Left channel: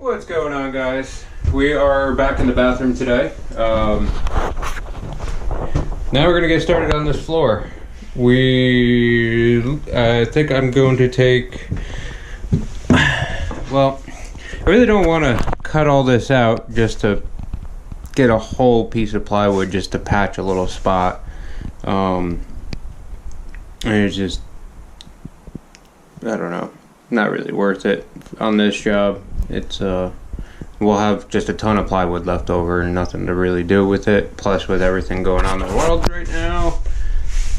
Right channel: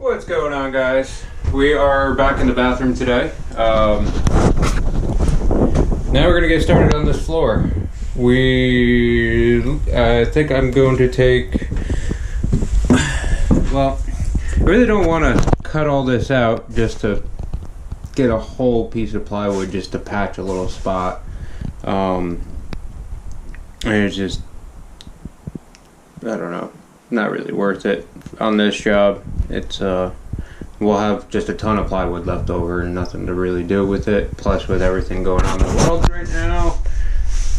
What's going on, guys? We are back in the bathroom today. Now we're gonna get started on this floor. I think I'm going to take, well, I really don't want to cut all this out just to get a whole piece of plywood just to patch a little spot. And it's just, I don't know, not really worth it on this job. It's we'll have just a ton of plywood left over and nothing to really do with it. Plus, with everything going on in the world right now,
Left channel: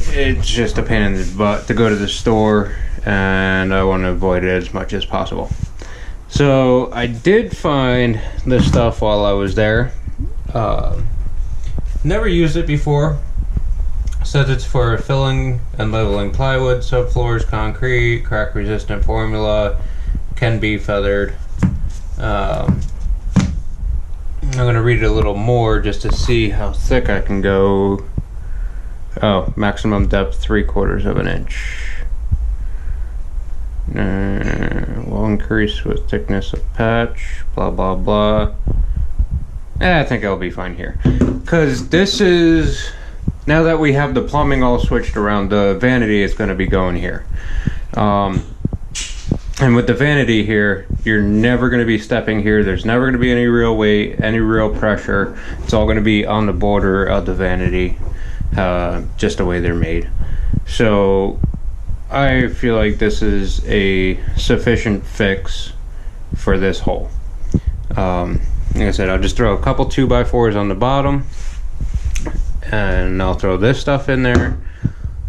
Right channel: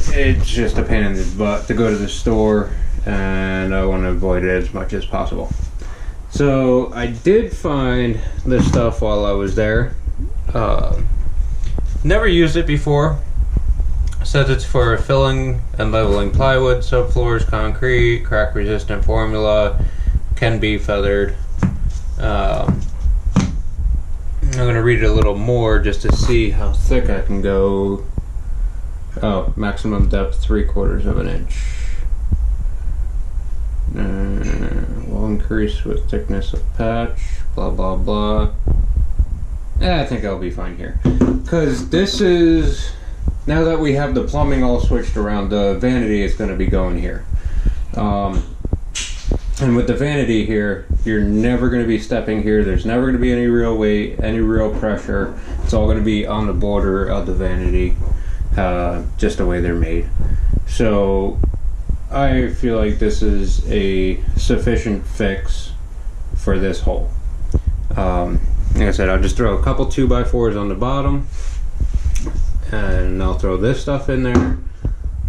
it's just a pain in the butt to go to the store, and I want to avoid it as much as possible. So I did find this stuff while I was there. Never used it before. Says it's for filling and leveling plywood, subfloors, concrete, crack resistant formula, can be feathered. I'm going to read it a little more just to see how thick I can go. Oh, maximum depth 3/4 of an inch. Will increase with thickness of patch, blah blah blah. I think I'll be fine here, because this is, now that we have the plumbing all switched around, the vanity is going to be going here. And with the vanity here, you're never going to be stepping here. There's never going to be any real weight, any real pressure. It's all going to be on the border of the vanity, just the way they're made. So I feel like this is a sufficient fix for this hole. Like I said, I'll just throw a couple 2x4s on the bottom, and I'll throw this stuff in there,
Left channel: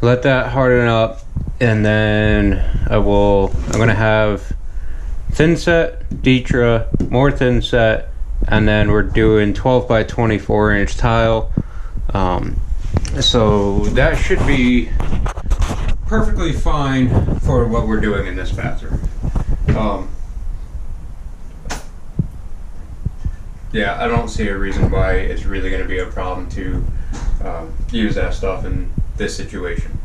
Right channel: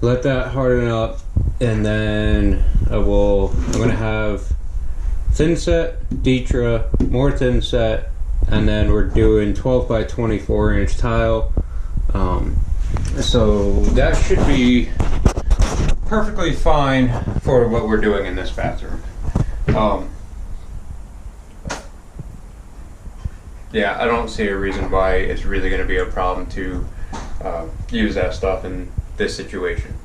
let that harden up, and then I'm gonna have thin set, Ditra, more thin set, and then we're doing 12x24 inch tile. So that should be perfectly fine for what we're doing in this bathroom. Yeah, I don't see a reason why it's really going to be a problem to use that stuff in this situation.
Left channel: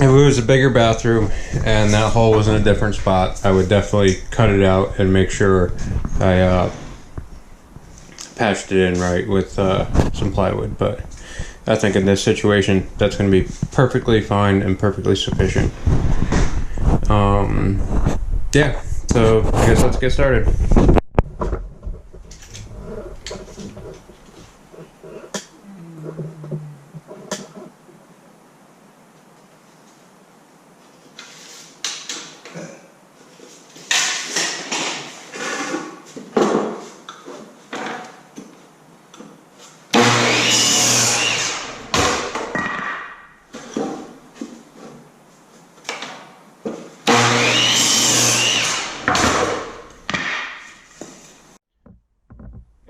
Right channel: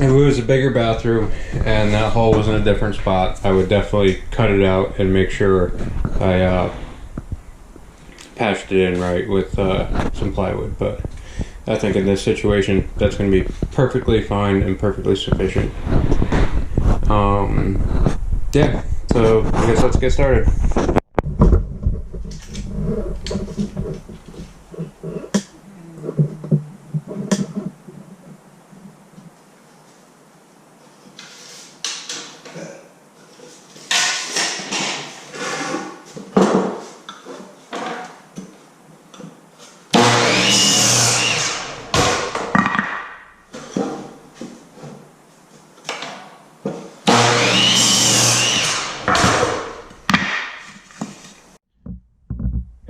If it was a bigger bathroom and that hole was in a different spot, I would definitely cut it out and make sure I patched it in right with some plywood. But I think in this situation, that's going to be perfectly fine and perfectly sufficient. Yeah, so I guess let's get started.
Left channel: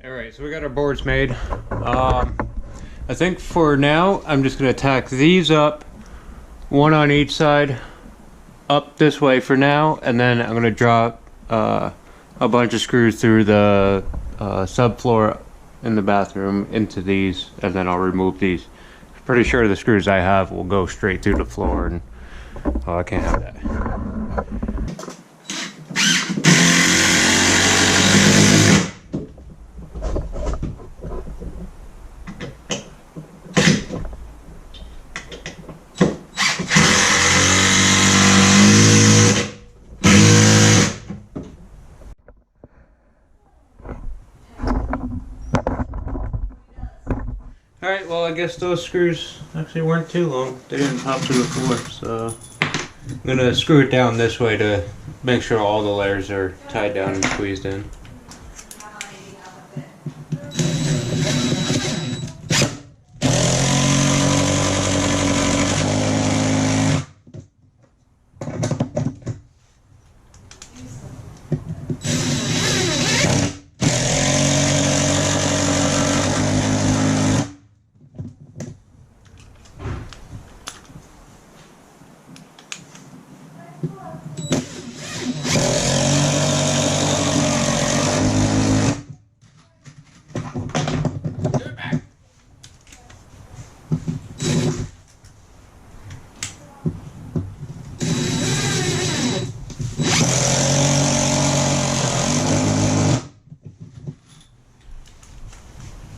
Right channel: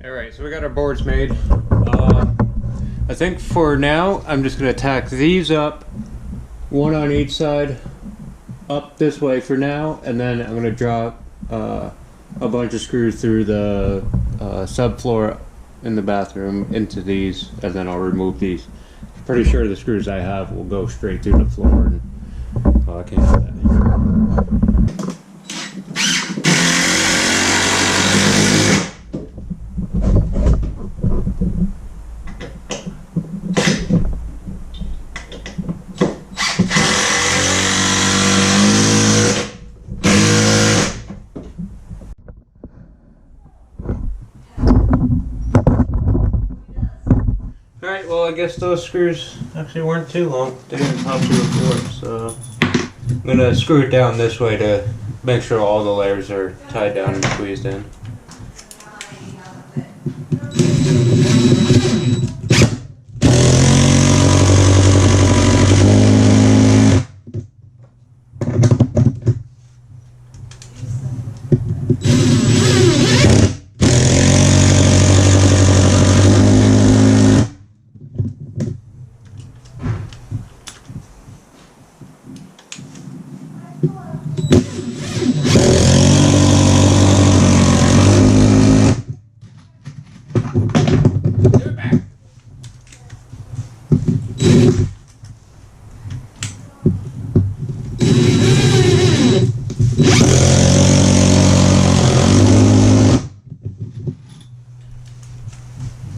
Alright, so we got our boards made. I think for now, I'm just going to tack these up, one on each side, up this way for now, and then I'm going to drop a bunch of screws through the subfloor in the bathroom into these, and then I'll remove these. I'm pretty sure the screws I have will go straight through the floor, and I can't have that. Alright, well, I guess those screws actually weren't too long. They didn't pop through the floor, so I'm going to screw it down this way to make sure all the layers are tied down and squeezed in.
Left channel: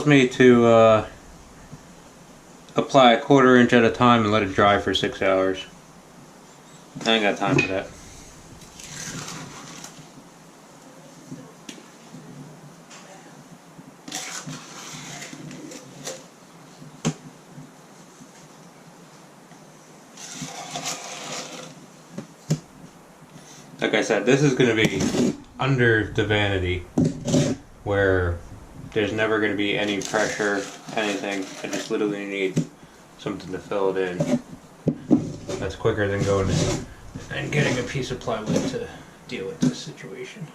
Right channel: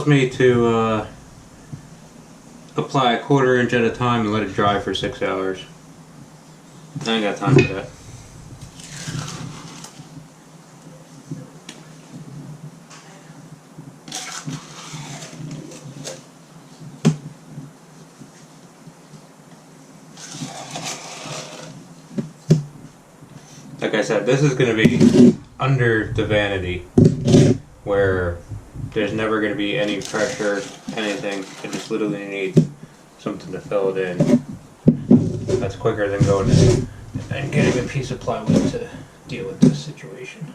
Me to apply a 1/4 inch at a time and let it dry for 6 hours. I ain't got time for that. Like I said, this is going to be under the vanity where there's never going to be any pressure, anything. I just literally need something to fill it in. That's quicker than going and getting a piece of plywood to deal with this situation.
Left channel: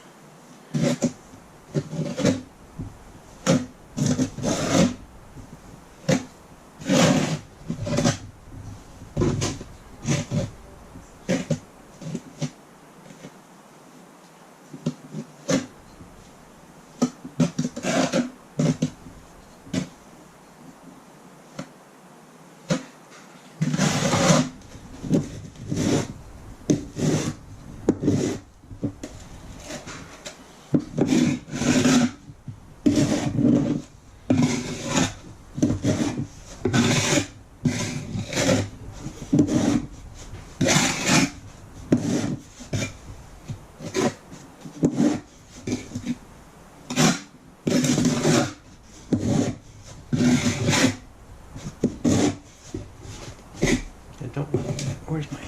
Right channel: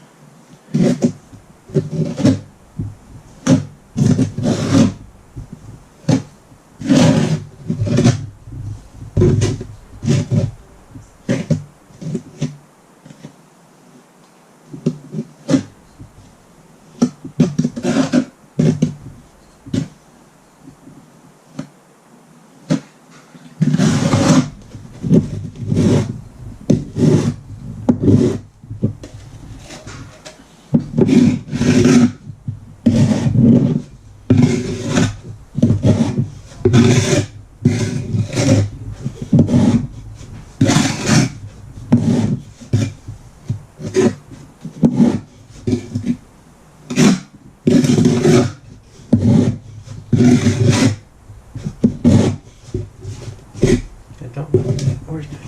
Where's my...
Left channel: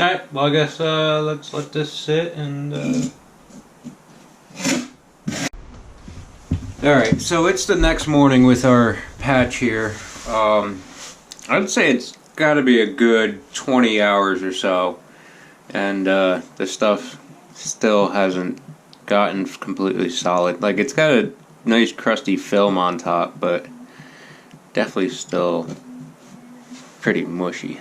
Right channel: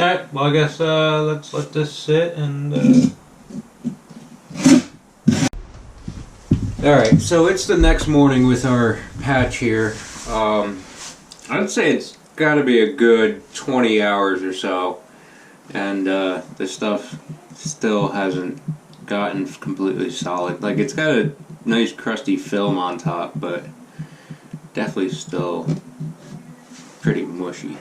Alright, well I guess let's let this sit and Alright, so it's the next morning with our patch here. I'd say it's gotta be a good 20 hours or so, and the stuff still hasn't gotten completely solid. Like, it's got a nice crusty film on top, but definitely still pretty mushy.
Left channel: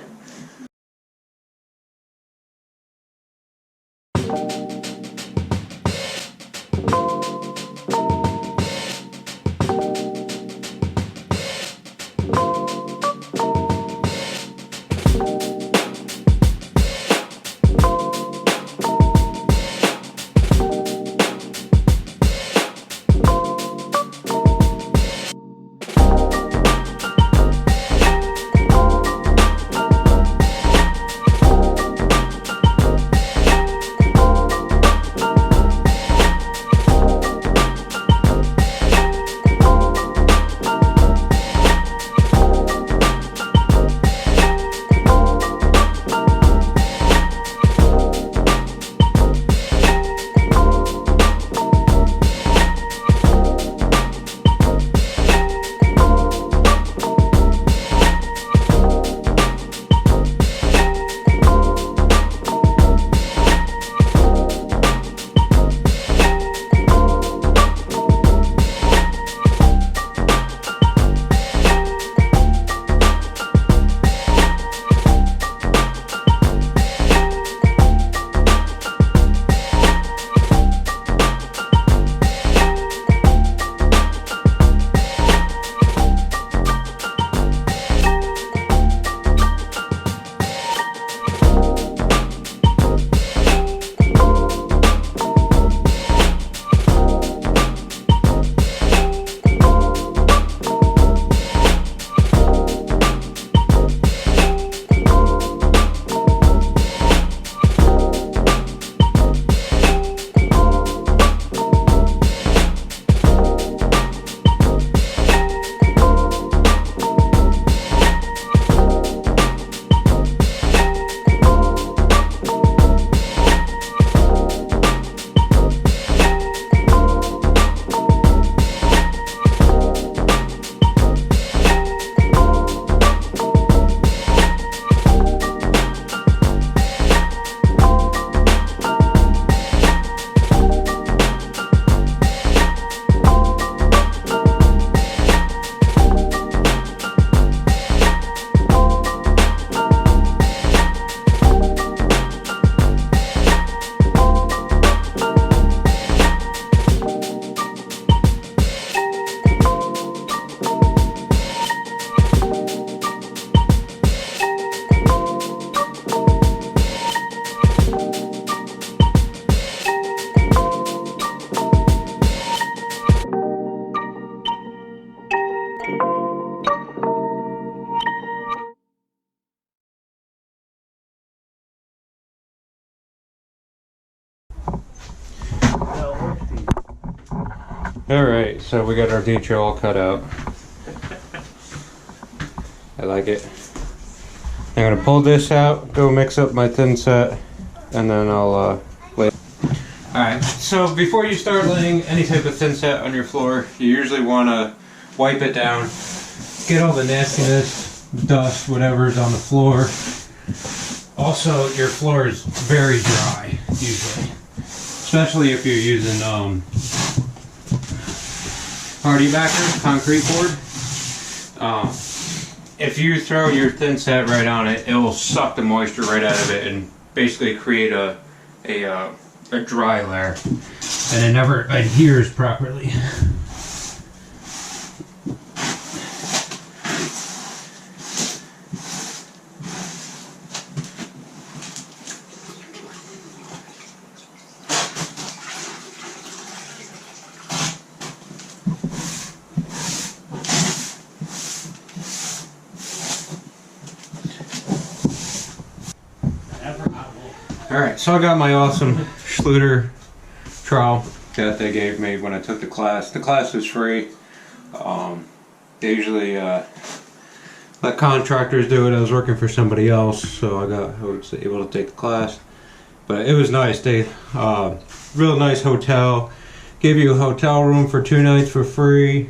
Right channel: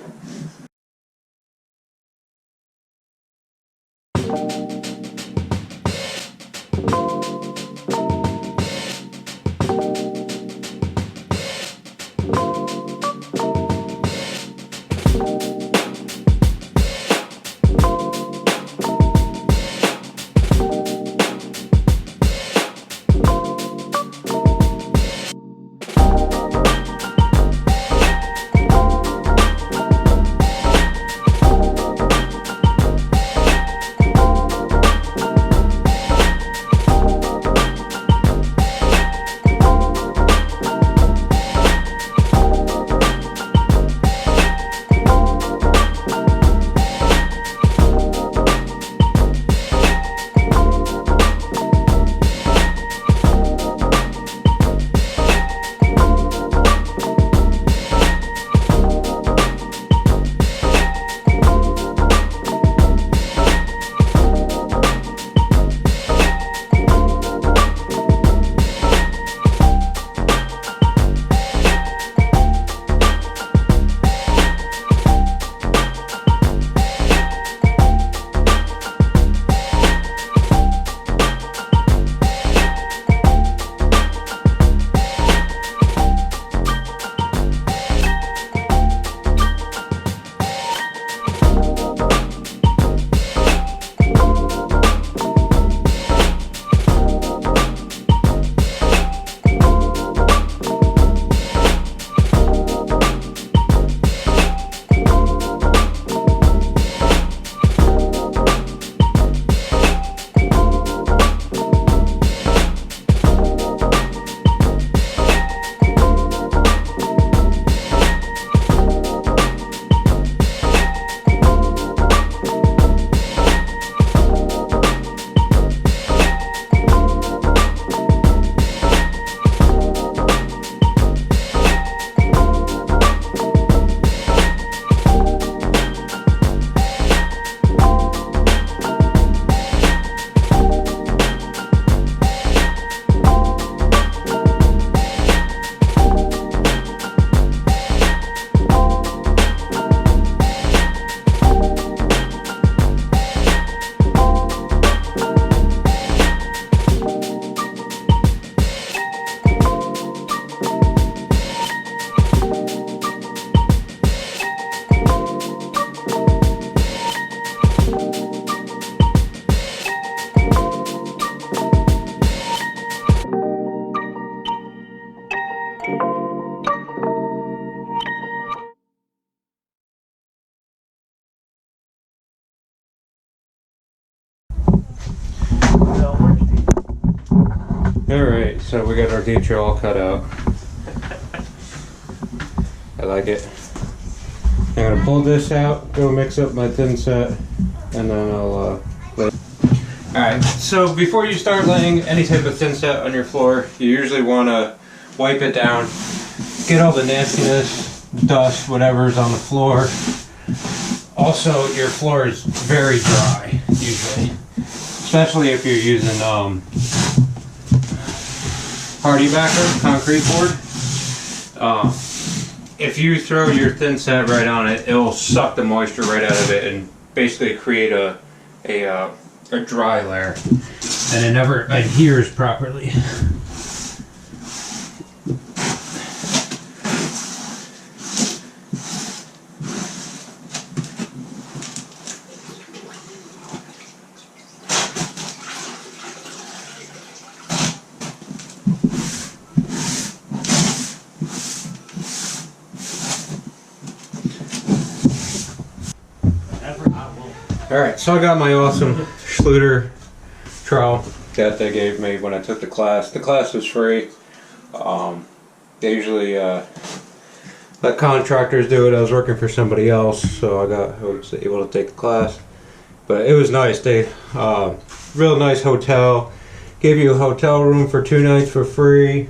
No, orange tea. Alright, so we got our Ditra all cut out. I like it. I'm gonna pull this out, go mix up my thin set, and then I'll lay. Alright, so before you start laying any type of thin set on your floor, you usually want to wipe it down, get all the nastiness, dust, whatever's on the floor. Also, your floor is very dry, usually. Especially if you're using hardy backer, concrete board. If you throw your thin set right on it, it will suck the moisture right out of it and basically create a dry layer. And it never adheres properly. Alright, so I got my awesome Schluter trowel that they gave me when I took the class. The class was free. They usually let contractors do it. I was working for somebody else, so I was able to take the class. But it was nice. They real nice hotel. Gave you a hotel room for 2 nights for free.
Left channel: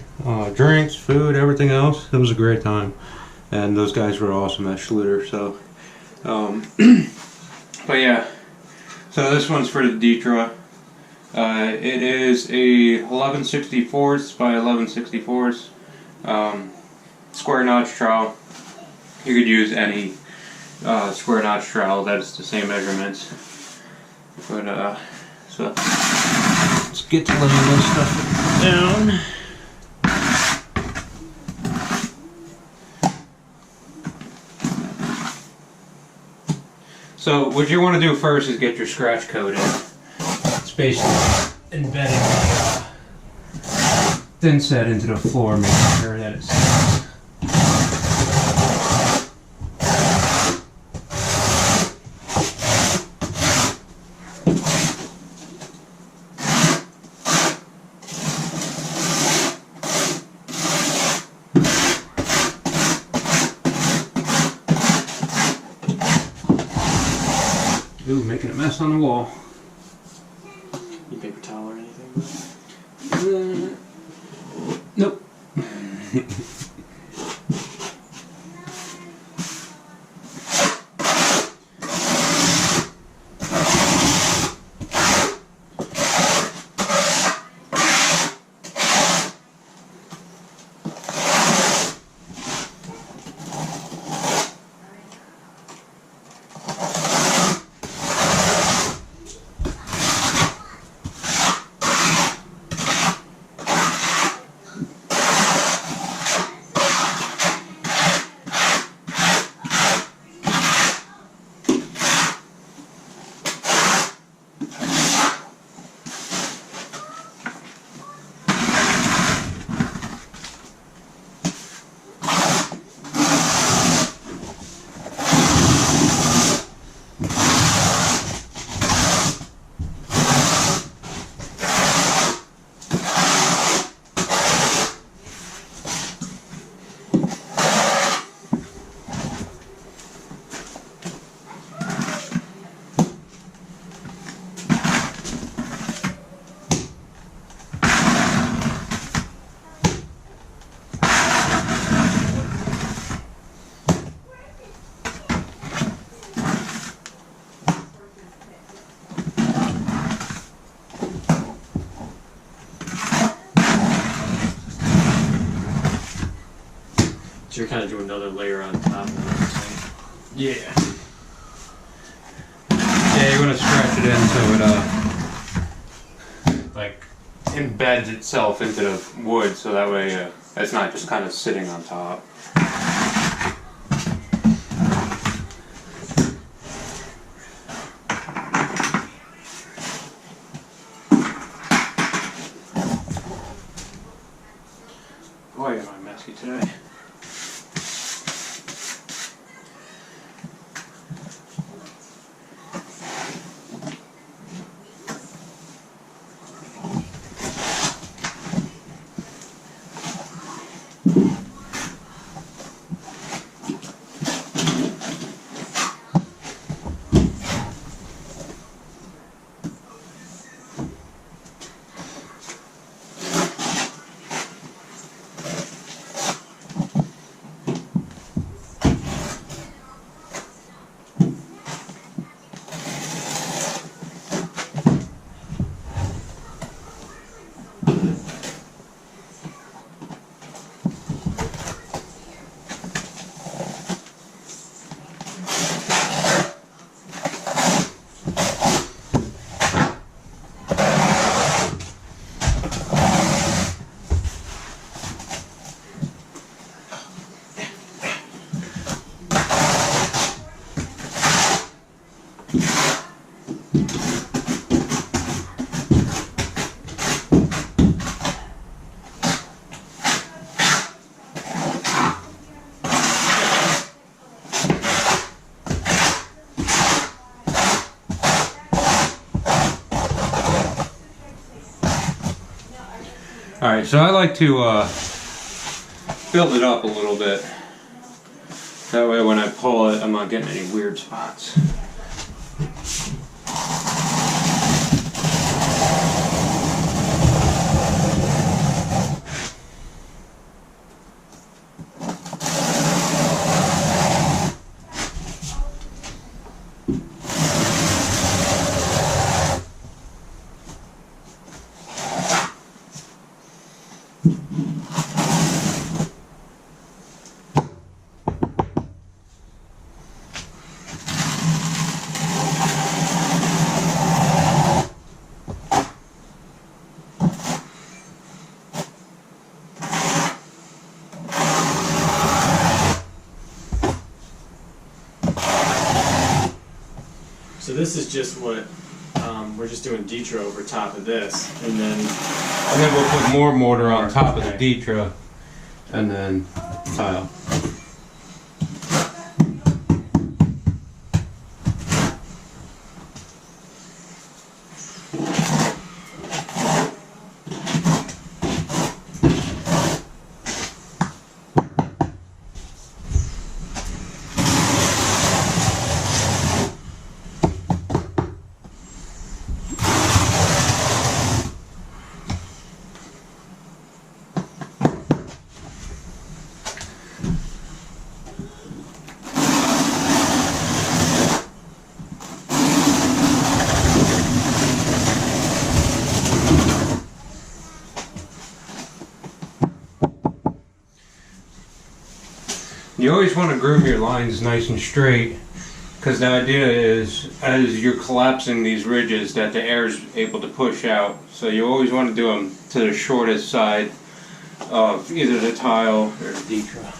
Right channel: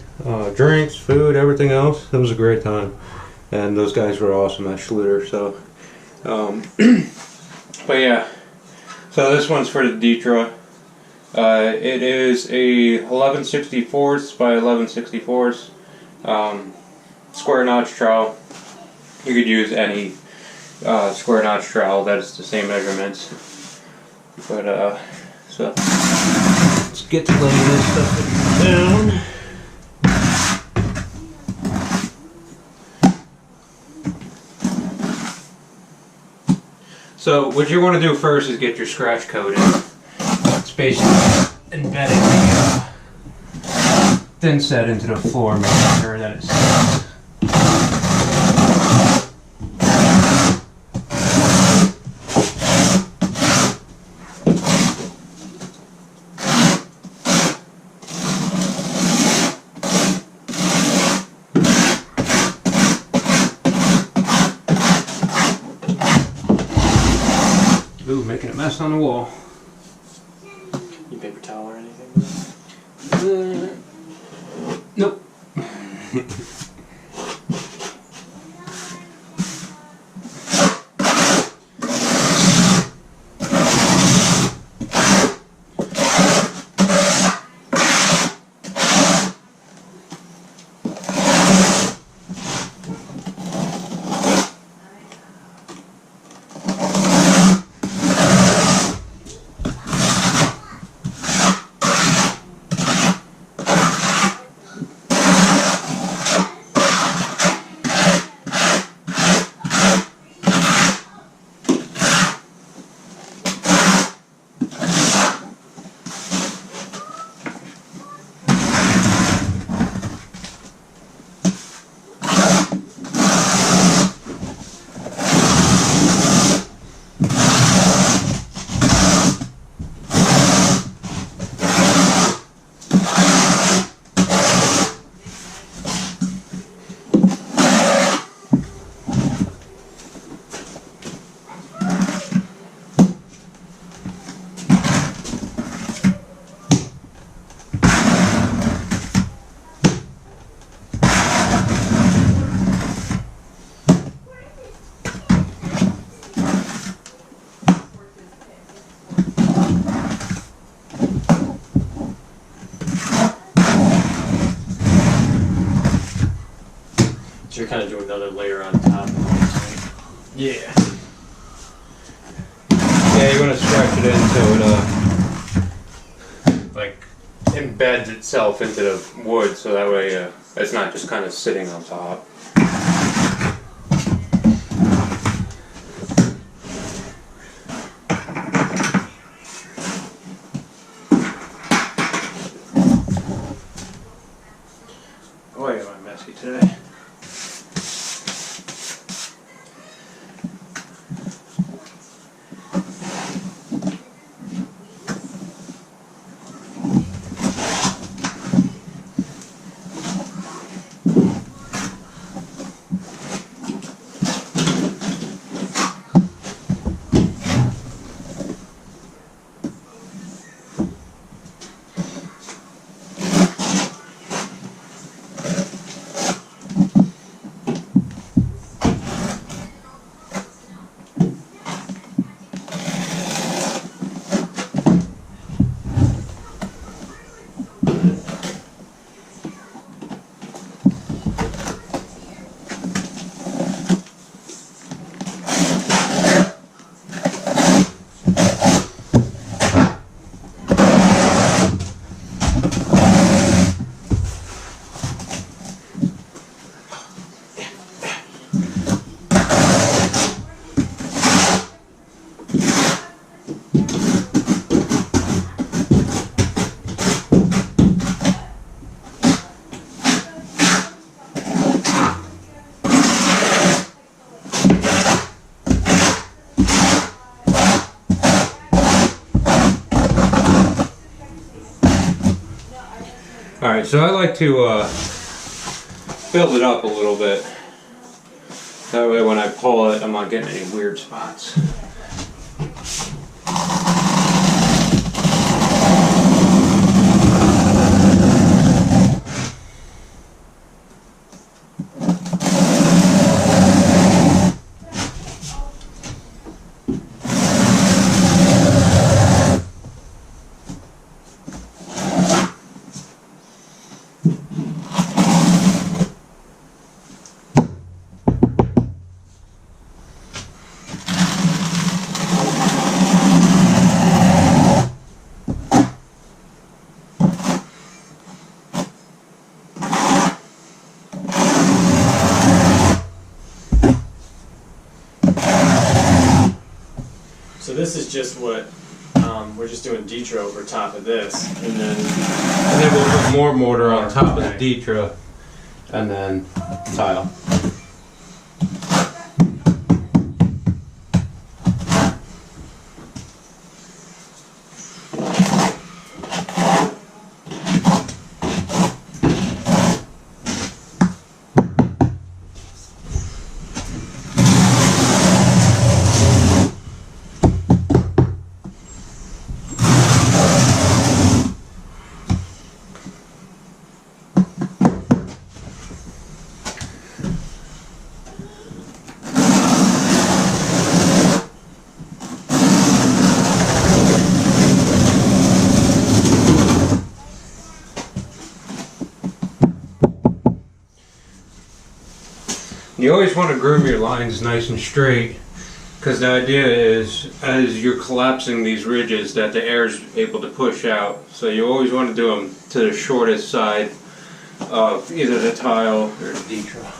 Drinks, food, everything else. It was a great time. And those guys were awesome at Schluter. So, but yeah, so this one's for the Ditra. It is a 11/64 by 11/64 square notch trowel. You could use any square notch trowel that's the same measurements. But so let's get to laying this stuff down. So what you want to do first is get your scratch coating. It's basically embedding the thin set into the floor, making sure that it sits. Ooh, making a mess on the wall. You paper towel or anything? Nope. So you're kind of doing another layer on top of it, right? Yeah. Yeah, you want to stretch it in so it like embeds itself into the wood, so that way it's not just kind of sitting on top. Boy, am I messy today. Alright, so I like to build it up a little bit. That way when I pull it, I'm not getting any weird spots. So this is just what we're just doing Ditra over top of this, and then we'll put more mortar on top of the Ditra, and then tile. You always want to groom your lines nice and straight, because the idea is as you're collapsing these ridges that the air is able to push out. So you always want to do them to the shortest side of either the tile or the Ditra.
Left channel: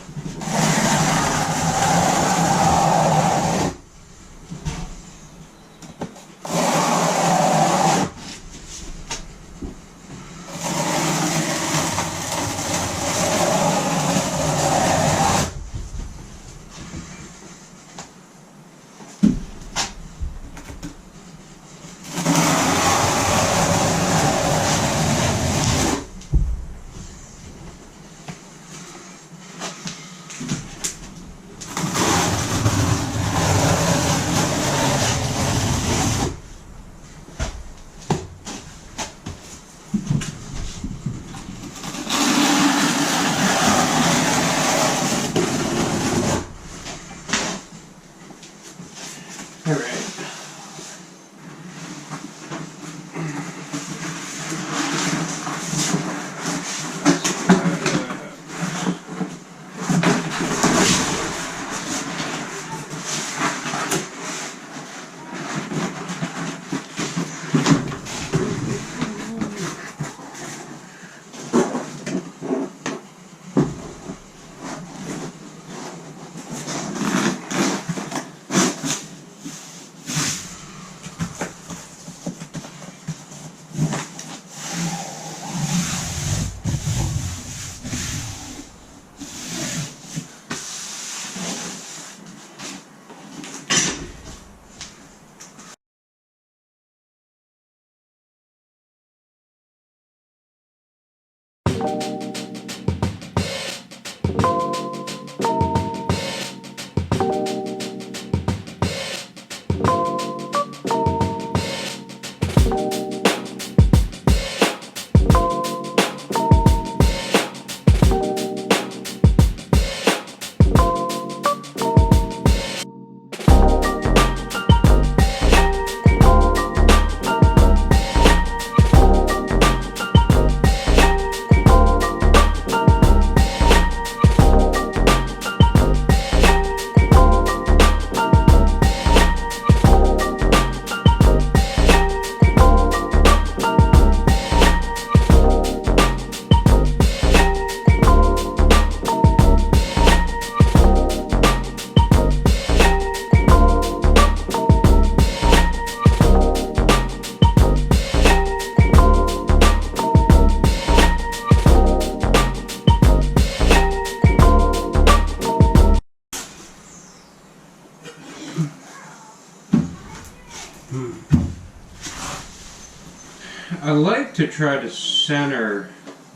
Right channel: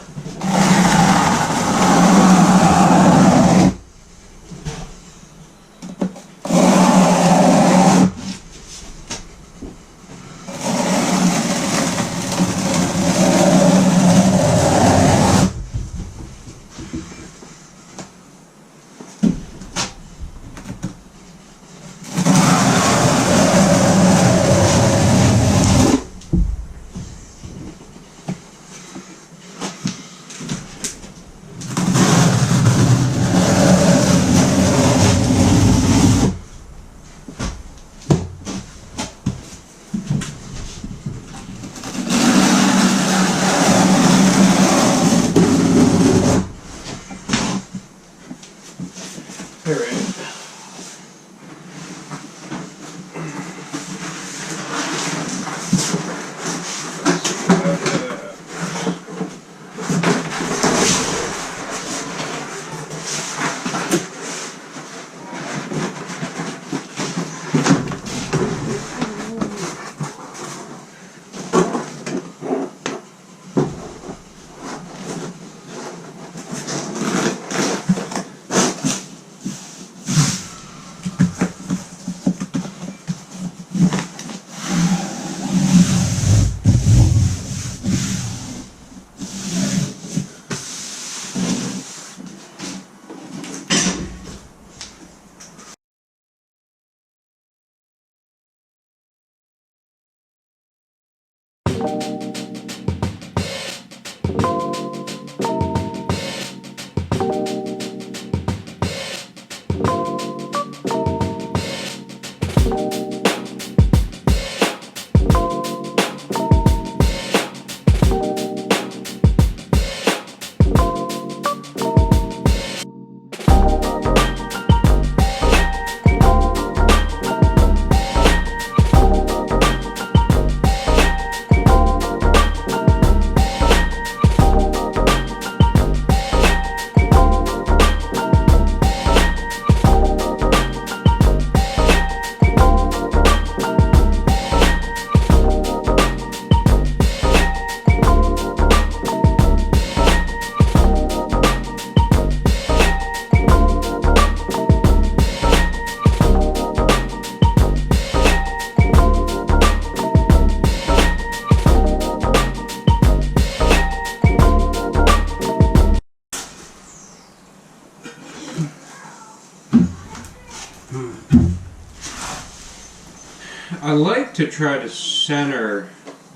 I like to try to center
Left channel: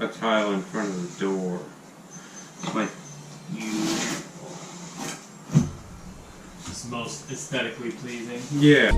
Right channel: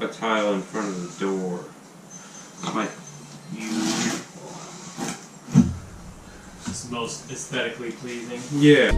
a tile in front of the door. Like you. It's most aesthetically pleasing. Yeah.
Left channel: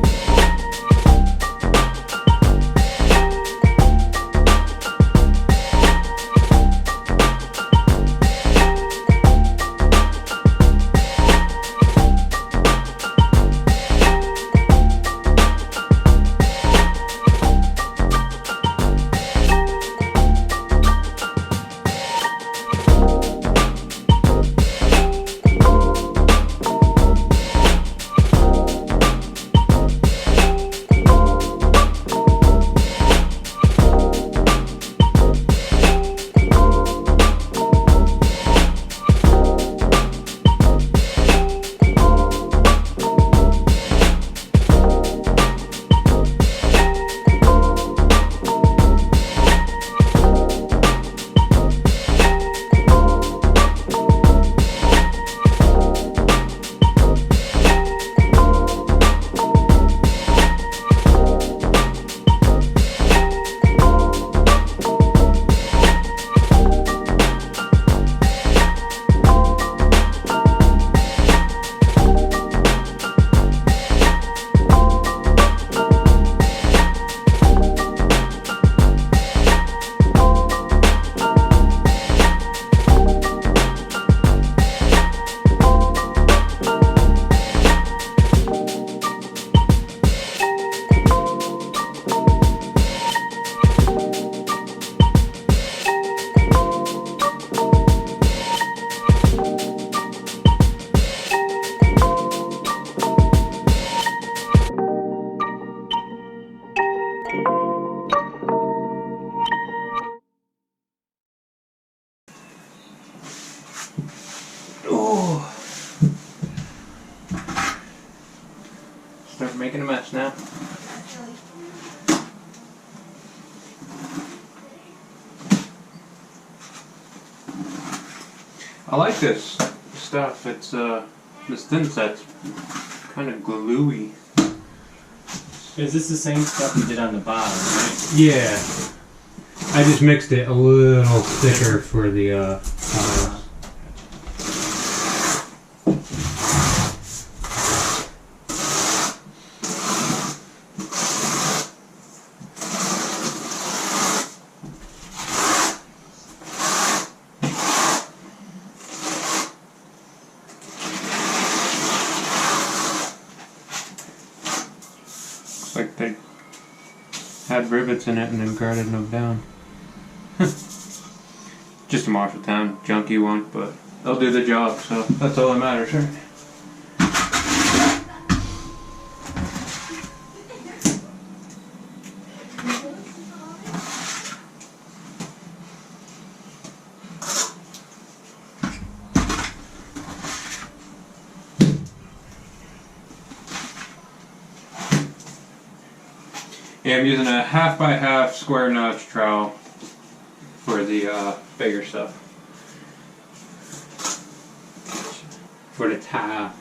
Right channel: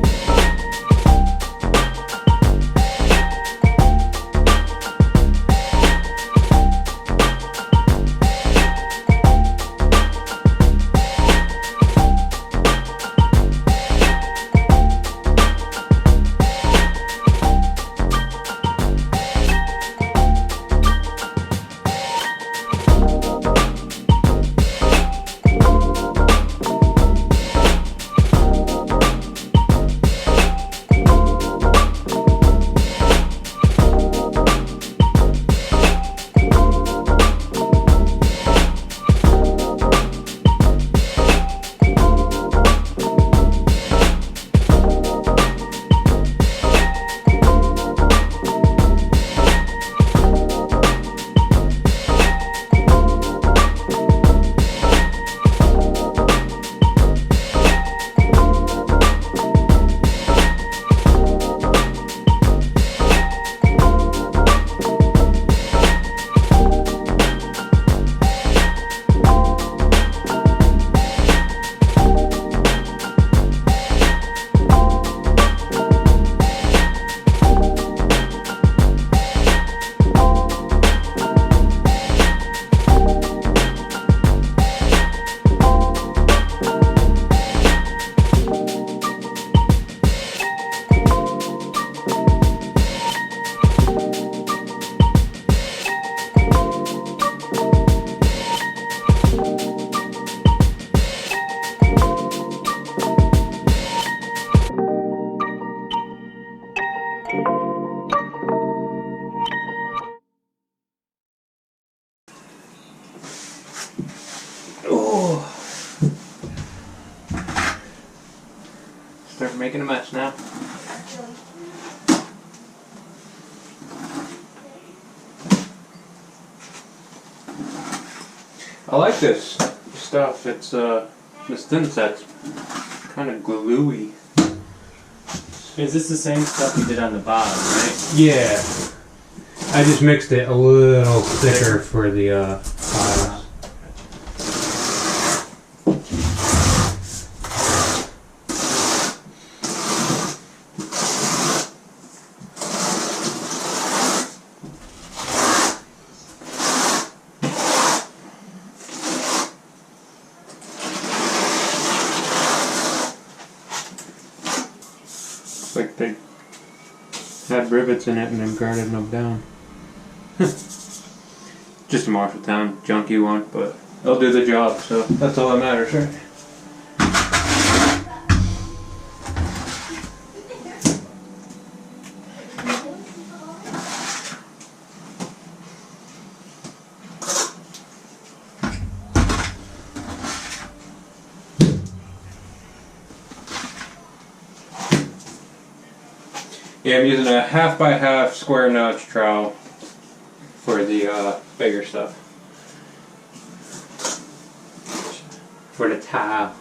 Oh. Start making a mess now. I like this stuff. It's this thin set's kind of gluey. Is this the same stuff we did on the bottom, right? Yeah. I just mixed it a little thicker for the tiles. Like they had rivets in it and then grouted them down. Just a Marshalltown junky one, but it'll do the job, so that's all that matters, right? Yeah, I'm using a 1/2 by 1/2 square notch trowel for the bigger stuff. For the tile.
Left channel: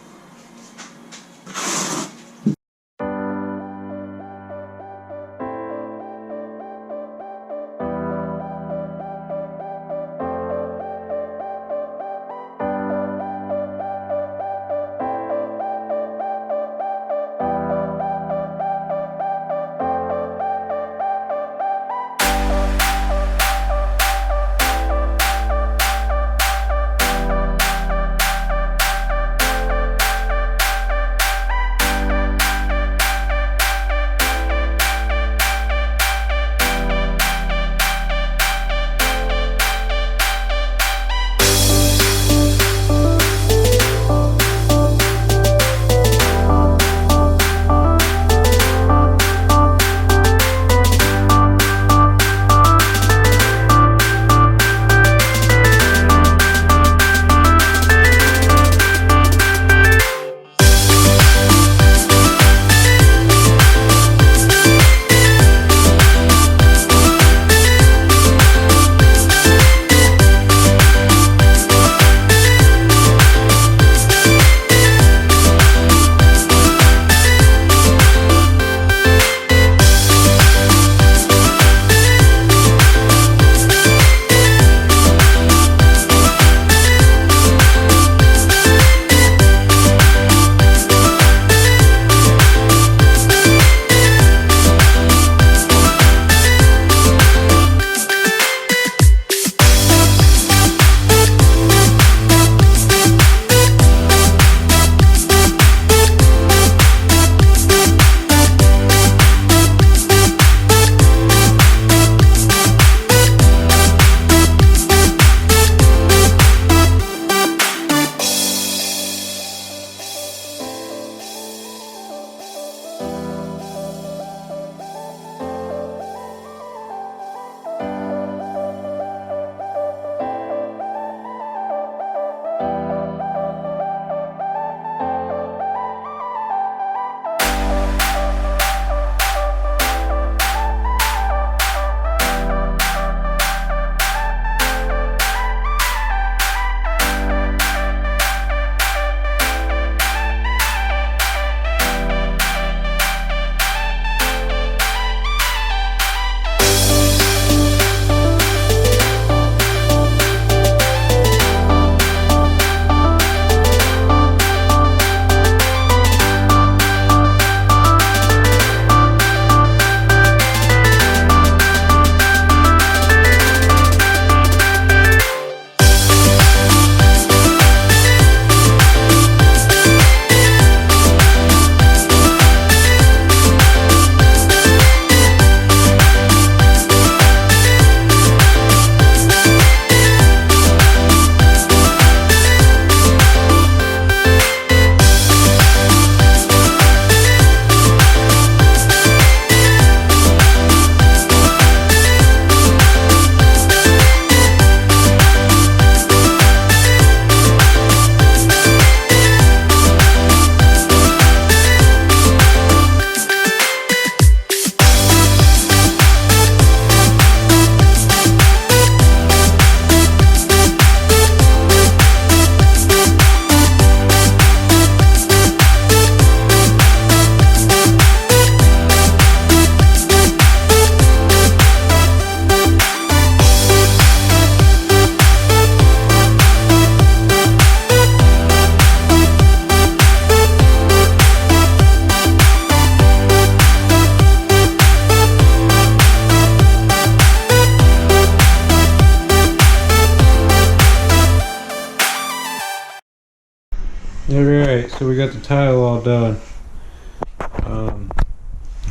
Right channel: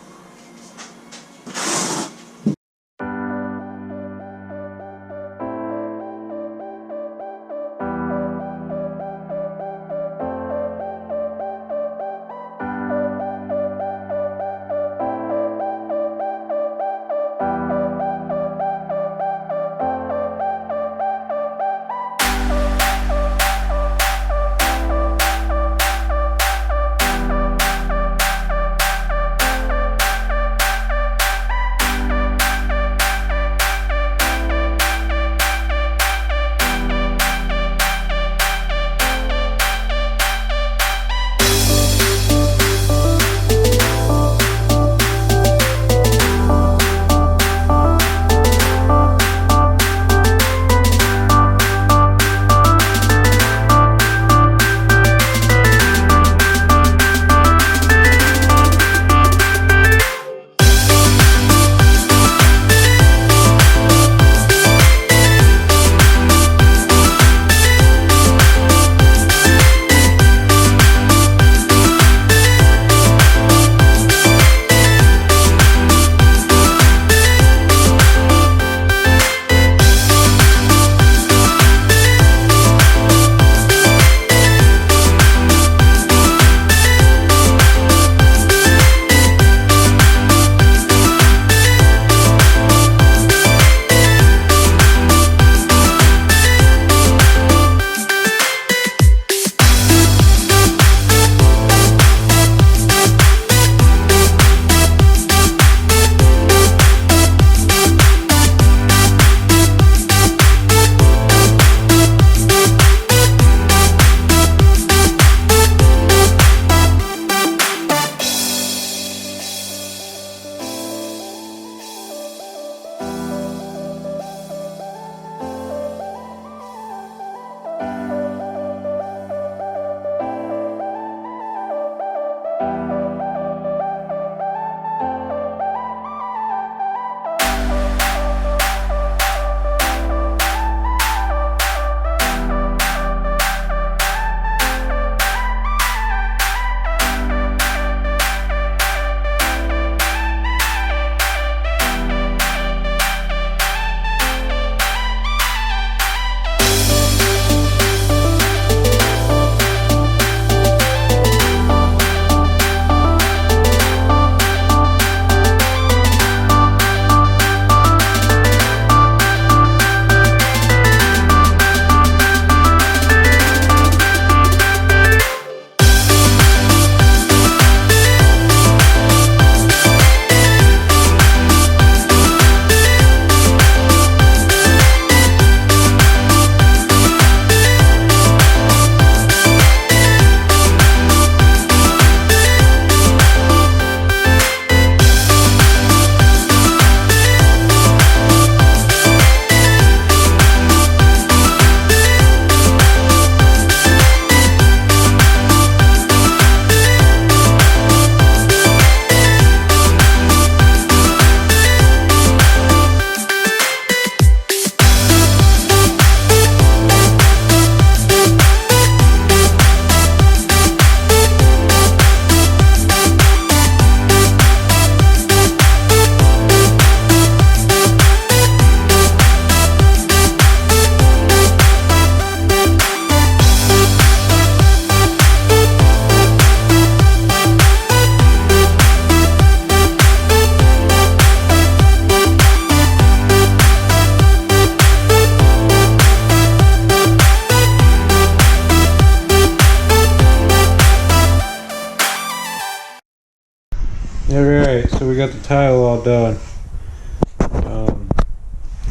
so we got the tile all done.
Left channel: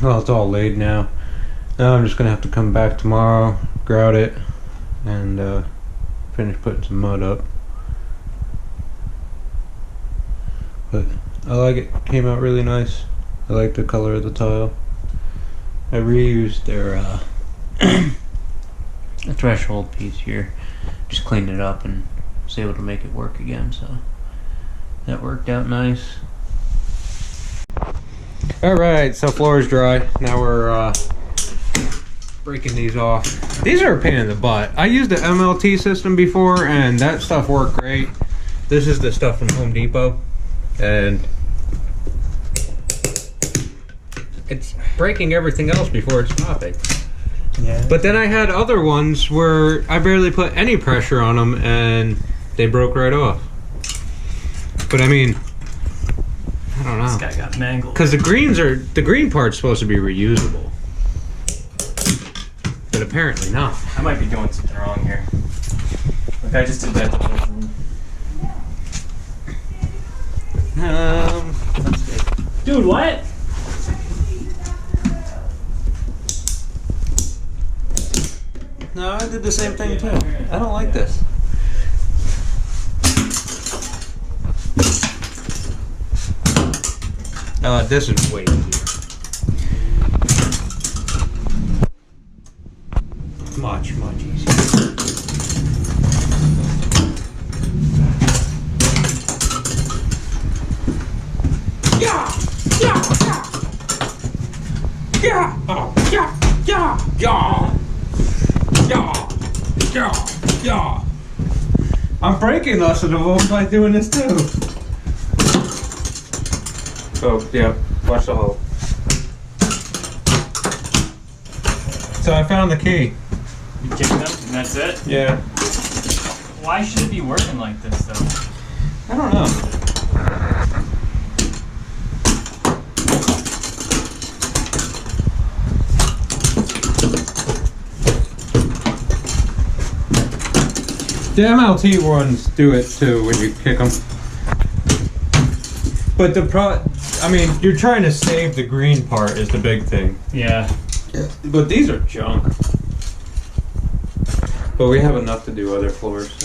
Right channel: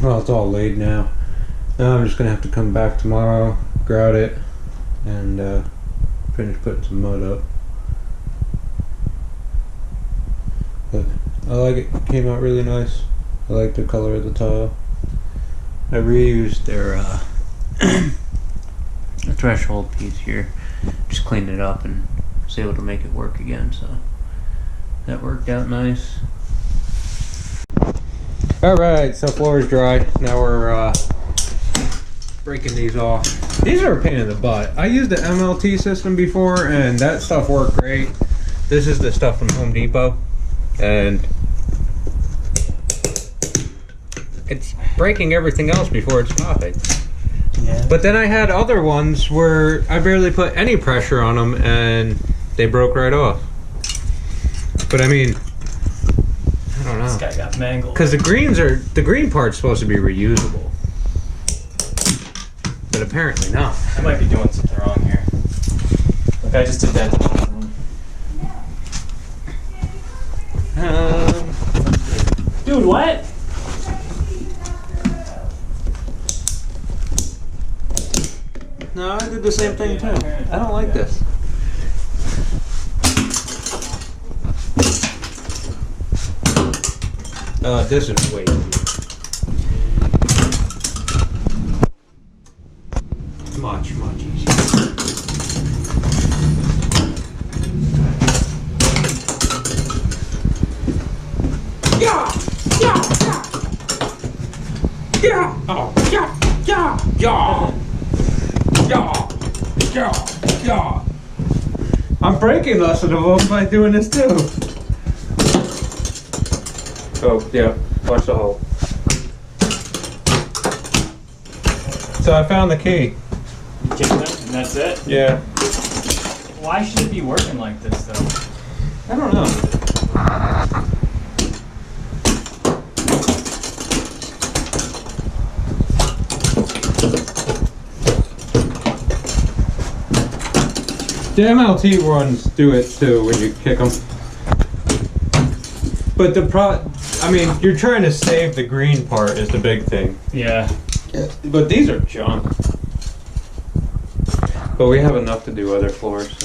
Well, it's all laid now. Now I'm just gonna have to come back tomorrow, grout it, and finish putting some mud up. But I like it. Came out really nice. I like the color of the tile. I reused their a threshold piece here. Just cleaned it up and was able to make it work again. So that worked out nice. All right, so floor is dry. Now we're breaking these off. These are a pain in the butt. I used the MLT system before and that stuff worked great. This is the stuff from Home Depot and it's breaking everything else before it's stopping. Yeah. But then I had other ones where I barely put any pressure on them and they broke right off. But I mean, I don't know. This guy got mangled. Because the green part's supposed to be reusable. But apparently not. I might be doing something wrong here. Like I just did that to both of them. Let's see. Dude, what? No, I did the same thing too. I don't like this. This is way easier. Much easier. Yeah! Oh, yeah! I'm breaking less of them by doing this too. Oh, yeah. Watch the hole. So I found the key. You kicked them and that's it? Yeah. Why should it be working like this though? I don't know. The MLT ones do it too when you kick them. But I mean, you're trying to save the green part is the big thing. Yeah. But these are junk. But we have enough to do other floors.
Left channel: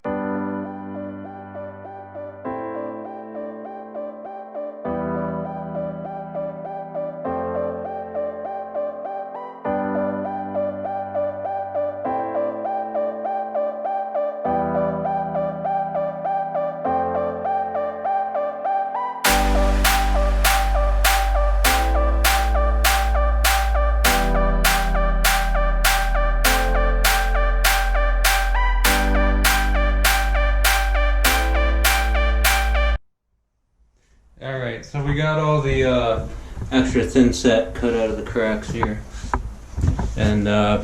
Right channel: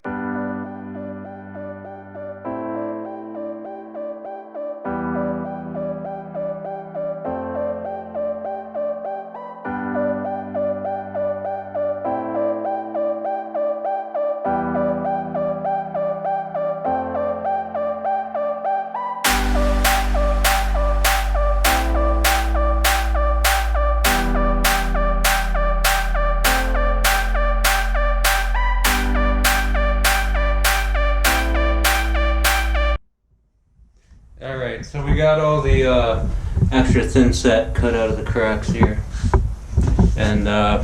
Alright, so we got all the extra thin set cut out of the cracks here. And I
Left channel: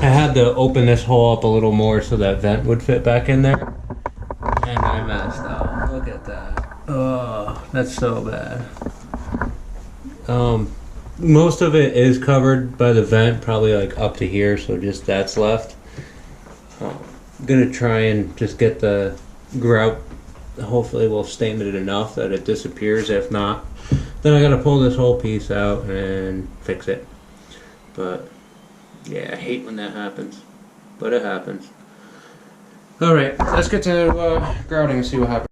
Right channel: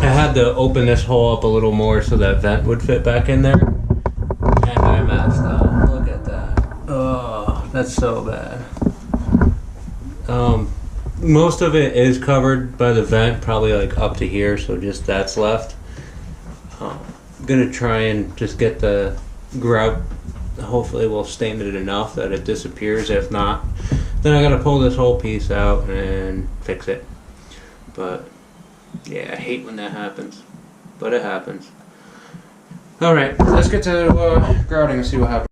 had to open this hole up a little more so that vent would fit back in there. And I messed up. Look at that. Oh, that's so bad. Most of it is covered by the vent, probably like up to here, so just that's left. I'm gonna try and just get the grout. Hopefully we'll stain it enough that it disappears. If not, then I gotta pull this whole piece out and fix it. But yeah, I hate when that happens, but it happens. Alright, let's get to grouting and see what happens.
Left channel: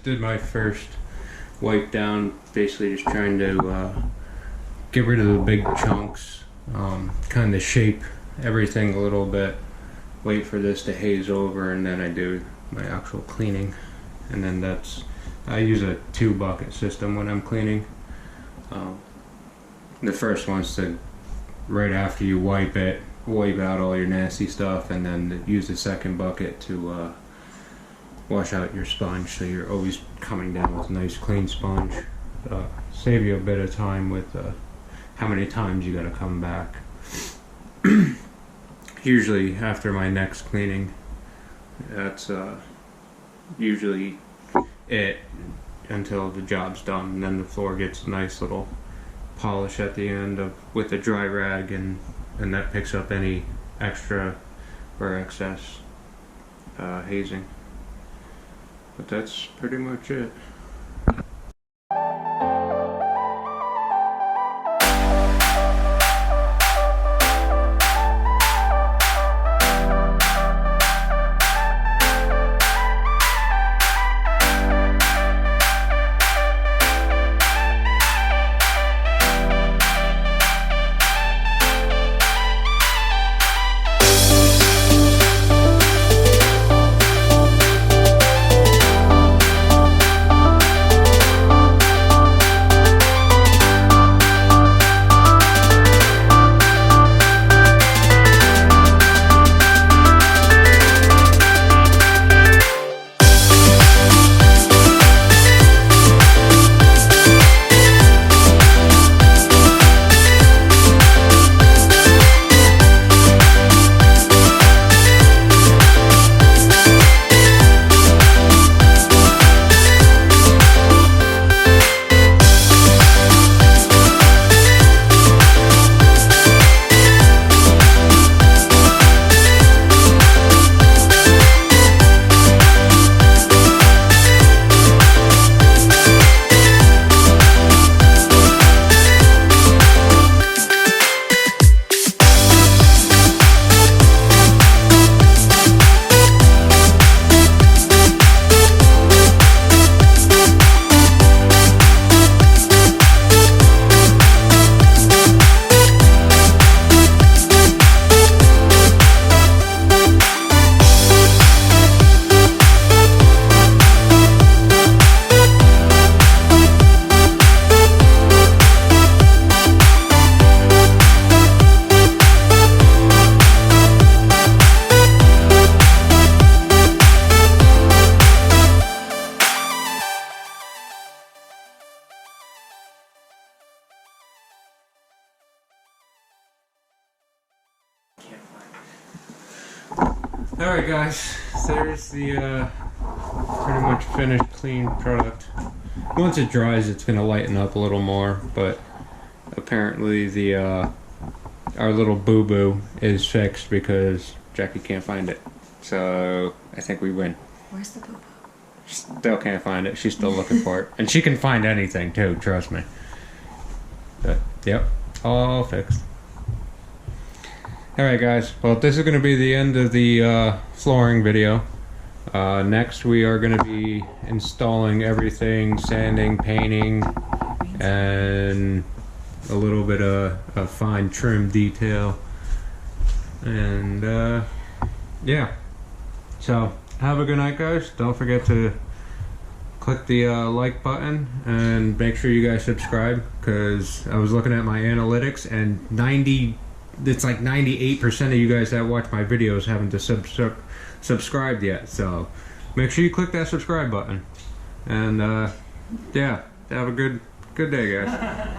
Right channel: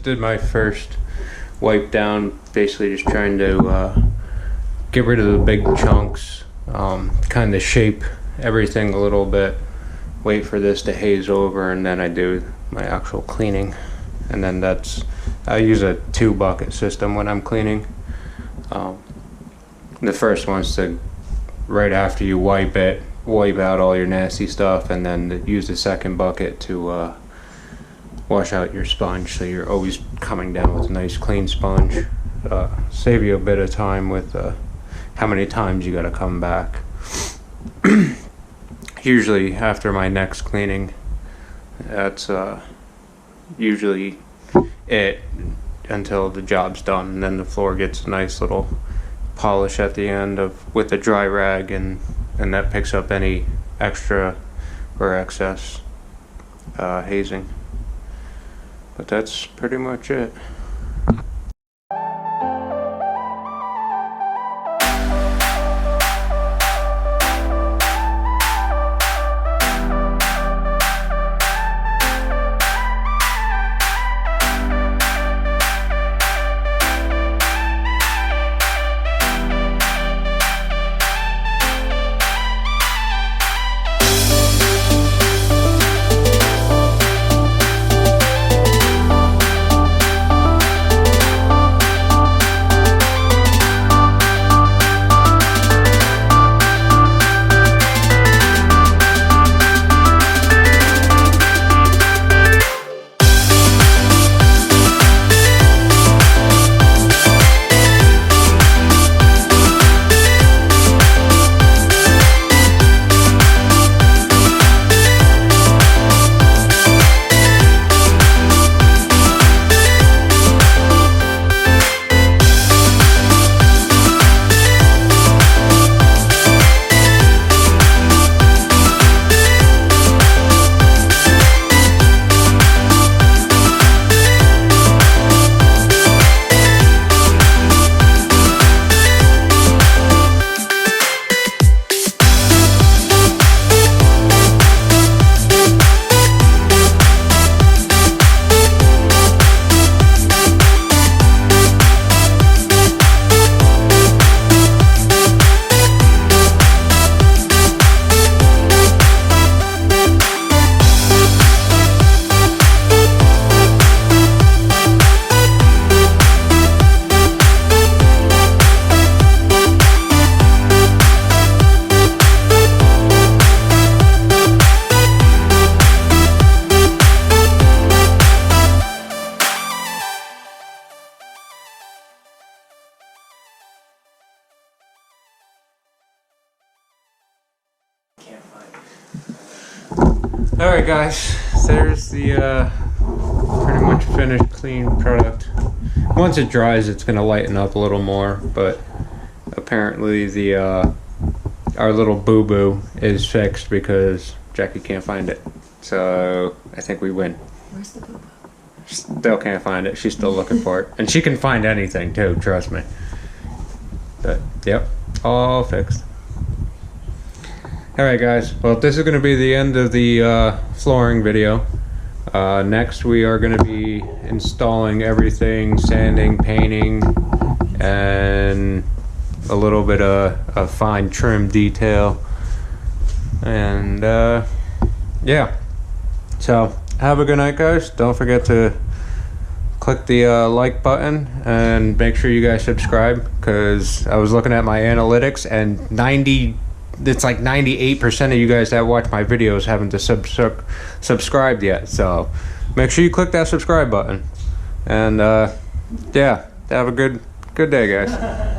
just did my first wipe down, basically just trying to get rid of the big chunks, kind of shape everything a little bit, wait for this to haze over, and then I do my actual cleaning. And then I use a 2-bucket system when I'm cleaning. The first one's to, right after you wipe it, wipe out all your nasty stuff, and then use the second bucket to wash out your sponge, so you're always coming down with a nice clean sponge. Save you a bit of time with how many times you gotta come back. Usually after my next cleaning, that's usually it until the job's done, and then the floor gets a nice little polish at the end with a dry rag, and that picks up any extra or excess hazing. But that's pretty much it. Can't find it. Alright guys, there's the pretty much finished clean product. Once it dries, it's gonna lighten up a little more, but apparently the our little boo-boo is fixed because Jackie can't find it. So I think we win. Where's the boo-boo? Still can't find it. She's still looking for it. And she can find anything too, trust me. But yep, all fixed. Alright guys, well this is going to be the end of the flooring video. Next we are going to be installing everything, sanding, painting, and a little bit of fine trim detail. And yeah, so have a good night guys. Don't forget to click the like button and make sure you guys subscribe, because I was looking at my analytics and it's like 98% of you guys that watch my videos haven't subscribed yet. So make sure you click that subscribe button. And yeah, have a good day guys.